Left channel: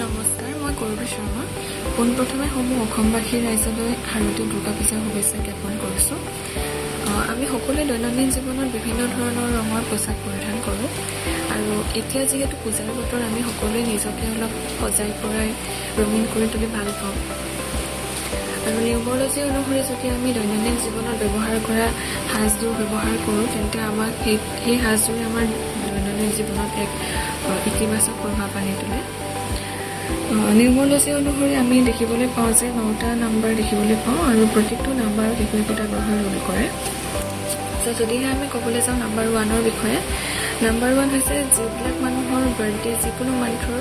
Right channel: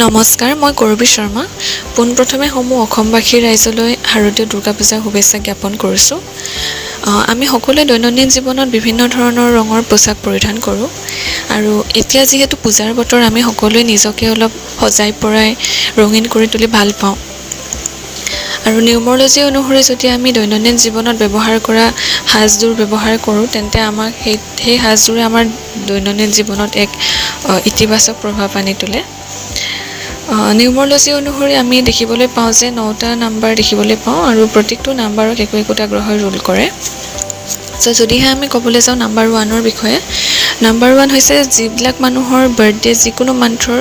নমস্কাৰ, মই কৰবী শৰ্মা। পোনপ্ৰথমে সমূহ অসমবাসী ৰাইজলৈ শাৰদীয় দুৰ্গা পূজাৰ শুভেচ্ছা জ্ঞাপন কৰিছোঁ। আমি সকলোৱে দৈনন্দিন জীৱনত বিভিন্ন ধৰণৰ ৰঙৰ পোছাক পৰিধান কৰোঁ আৰু এতিয়া যিহেতু পূজাৰ বতৰ, আমি সকলোৱে নিজকে অলপ সজাই পৰাই ৰঙীন কৰি তুলি ভাল পাওঁ। আৰু নিউমৰলজি অনুসৰি যদি আমি দৈনন্দিন জীৱনত ব্যৱহাৰ কৰা সাজযোৰ ব্যৱহাৰ কৰোঁ, তেন্তে আমাক সেই সাজযোৰে আমাৰ দৈনন্দিন জীৱনত এক ইতিবাচক প্ৰভাৱ আনি তোলে। নিউমৰলজি অনুসৰি আমি দেখিবলৈ পাওঁ যে 9টা নাম্বাৰ দেখিবলৈ পাওঁ আৰু প্ৰত্যেকটো নাম্বাৰক একোটা গ্ৰহই ৰুল কৰে। যদিহে আমি ক'বলৈ যাওঁ নাম্বাৰ 1ৰ বিষয়ে, নাম্বাৰ 1 হৈছে যিবিলাক মানুহৰ বাৰ্থডে যিকোনো মান্থৰ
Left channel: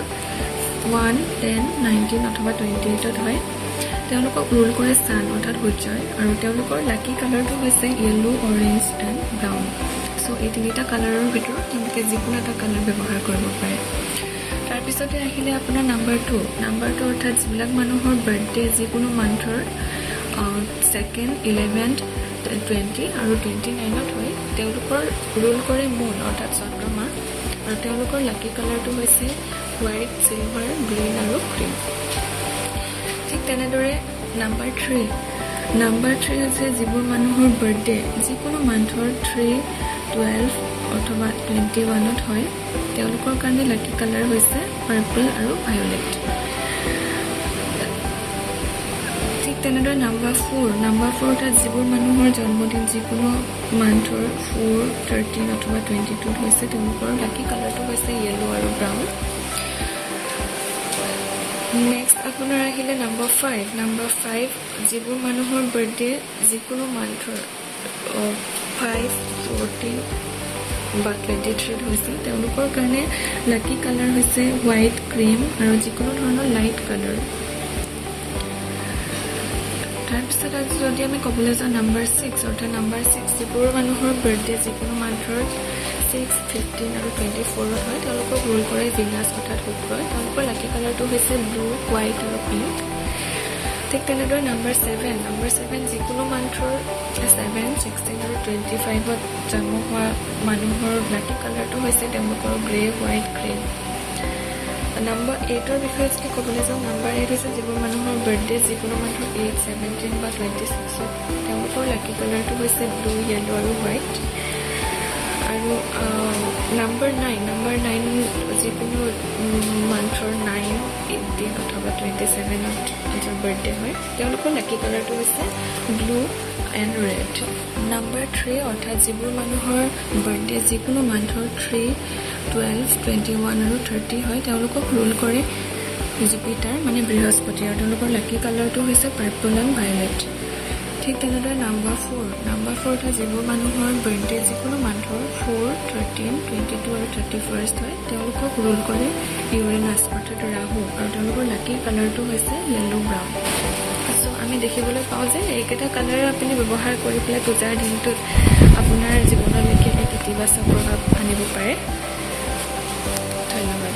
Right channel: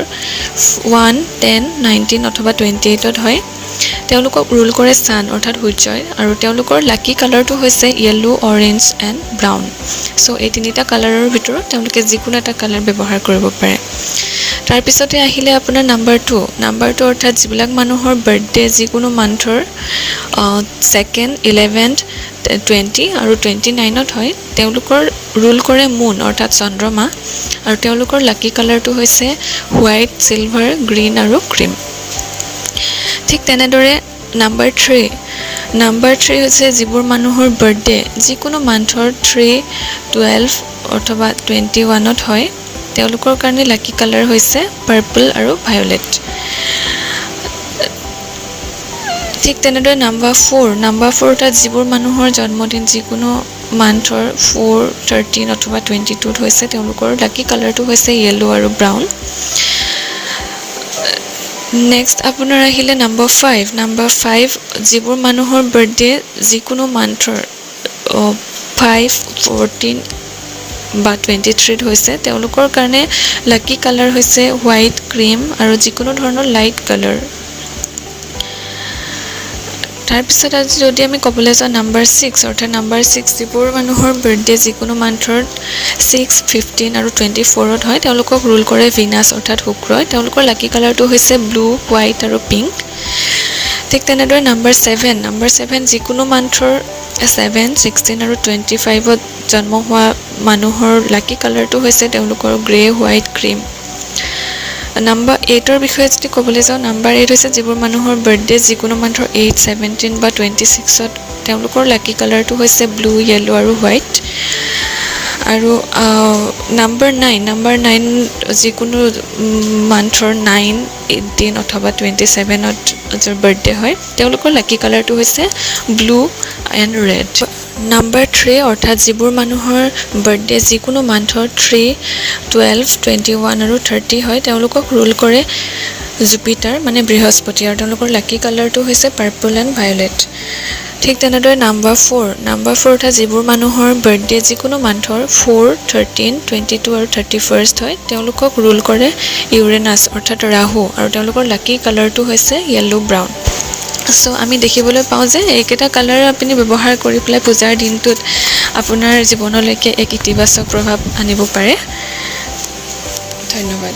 1, 10, 19 অথবা 28ত হয়, তেওঁলোকক ৰুল কৰে ছান অৰ্থাৎ সূৰ্যই, আৰু তেওঁলোকৰ লাকি কালাৰটো হৈছে য়েল্লো, অৰেঞ্জ এণ্ড ব্ৰাউন। এই তিনিটা কালাৰৰ ভিতৰত তেওঁলোকে যিকোনো এটা কালাৰ ব্যৱহাৰ কৰিব পাৰে। তাৰপিছতে আহিলে আপোনাৰ নাম্বাৰ 2 অৰ্থাৎ যিবিলাক মানুহৰ বাৰ্থডে যিকোনো মান্থৰ 2nd, 11th, 20 আৰু 29ত হয়, তেওঁলোকৰ ৰুল কৰে মুন অৰ্থাৎ চন্দ্ৰমা, আৰু তেওঁলোকৰ লাকি কালাৰটো হৈছে হোৱাইট, চিলভাৰ, গ্ৰীণ আৰু ক্ৰীম। ঠিক তেনেদৰে নাম্বাৰ 3 হৈছে যিবোৰ মানুহৰ বাৰ্থডে যিকোনো মান্থৰ 3, 12 অথবা 21ত হয়, তেওঁলোকৰ কাৰণে লাকি কালাৰ হৈছে পাৰ্পল আৰু ভায়লেট। ঠিক তেনেদৰে নাম্বাৰ 4 অৰ্থাৎ যিবোৰ মানুহৰ জন্মদিন যিকোনো মান্থৰ 4, 13 অথবা 22ত হৈছে, তেওঁলোকৰ লাকি কালাৰটো হৈছে য়েল্লো আৰু ব্ৰাউন। নেক্সট আপোনাৰ আহিলে নাম্বাৰ 5 যিবোৰ মানুহৰ বাৰ্থডে যিকোনো মান্থৰ 5, 14 বা 23ত হৈছে, তেওঁলোকৰ কাৰণে লাকি কালাৰ হৈছে হোৱাইট, ক্ৰীম আৰু যিকোনো ধৰণৰ লাইট কালাৰ। তাৰপিছত আজি যদি আমি ক'বলৈ যাওঁ নাম্বাৰ 6 যিবোৰ মানুহৰ বাৰ্থডে যিকোনো মান্থৰ 6, 15 আৰু 24ত হয়, তেওঁলোকক ৰুল কৰে ভিনাছ অৰ্থাৎ শুক্ৰই, তেওঁলোকৰ লাকি কালাৰটো হৈছে ব্লু, হোৱাইট আৰু পিংক। ঠিক তেনেদৰে নাম্বাৰ 7 যিকোনো মান্থৰ 7, 16 আৰু 25ত জন্ম হোৱা মানুহৰ লাকি কালাৰটো হৈছে তেওঁলোকৰ গ্ৰে, হোৱাইট, ক্ৰীম। নাম্বাৰ 8ৰ বিষয়ে যদি ক'বলৈ যাওঁ, নাম্বাৰ 8 হৈছে যিবোৰ মানুহৰ বাৰ্থডে যিকোনো মান্থৰ 8, 17 বা 26ত, তেওঁলোকৰ লাকি কালাৰটো হৈছে ব্লু, য়েল্লো আৰু হোৱাইট। আৰু নাম্বাৰ 9 যিকোনো মান্থৰ 9, 18 অথবা 27ত যাৰ বাৰ্থডে হয়, তেওঁলোকৰ লাকি কালাৰটো হৈছে ব্লু এণ্ড ৰেড। নাম্বাৰ 3 অৰ্থাৎ যিবোৰ মানুহৰ বাৰ্থডে যিকোনো মান্থৰ 3, 12, 21 আৰু 30 হয়, তেওঁলোকক ৰুল কৰে জুপিটাৰ মানে বৃহস্পতি, আৰু তেওঁলোকৰ লাকি কালাৰটো হৈছে পাৰ্পল এণ্ড ভায়লেট। ঠিক তেনেদৰে নাম্বাৰ 4 অৰ্থাৎ যিবোৰ মানুহৰ বাৰ্থডে যিকোনো মান্থৰ 4, 13, 22 আৰু 31st হয়, তেওঁলোকক ৰুল কৰে ইউৰেনাছ অৰ্থাৎ ৰাহু, আৰু তেওঁলোকৰ লাকি কালাৰটো হৈছে য়েল্লো, ব্ৰাউন। আমি দেখিবলৈ পাওঁ যে এইকেইটা কালাৰ আপুনি ব্যৱহাৰ কৰি পেলাই পূজাৰ দিনটোত আপোনাৰ জীৱনলৈকে এক ইতিবাচক প্ৰভাৱ আনিব পাৰে। ধন্যবাদ।